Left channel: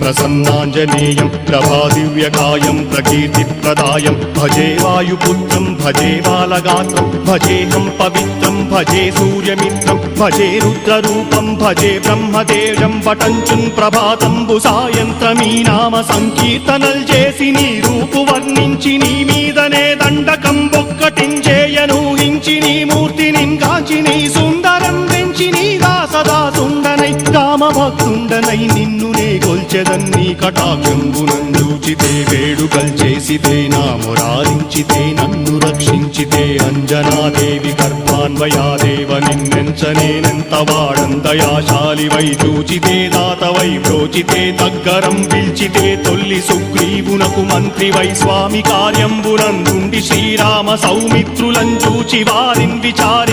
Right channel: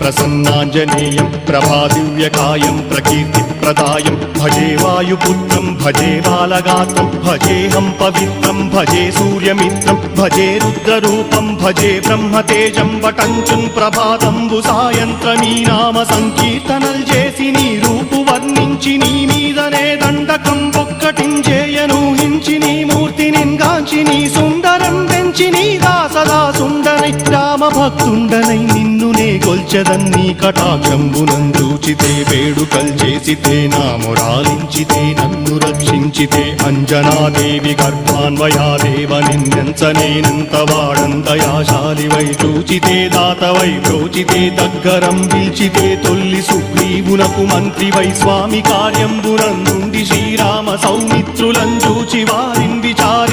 ప్రసన్నాంజనేయం ప్రభాదివ్యకాయం ప్రకీర్తిప్రదాయం భజే వాయుపుత్రం భజే బాలగాత్రం భజేహం పవిత్రం భజే సూర్యమిత్రం భజే రుద్రరూపం భజే బ్రహ్మదేవం వటంచుం ప్రభాతంబు సాయంత్రమీ నామ సంకీర్తనల్ చేసి నీ రూపు వర్ణించి నీ మీదనే దండకం ఒక్కటించేయనూహించి నీ మూర్తిని కాంచి నీ సుందరం పెంచి నీదా సదా సుందరై రామభక్తుండనై నిన్నునే కొల్చెదన్నీ కటాక్షంబునందూచితే వేడుకల్ చేసితే నా మురారించితే నన్ను రక్షించితే అంజనాదేవి గర్భాన్వయాదేవ నిందించనేనంత వాడంతయాశాలివై చూచితే దాతవై బ్రోచితే దగ్గరం పిలిచితే తొల్లి సుగ్రీవునకు మంత్రివై స్వామి కార్యంబునందుండి శ్రీరామ సౌమిత్రులం చూచి వారిని విచారి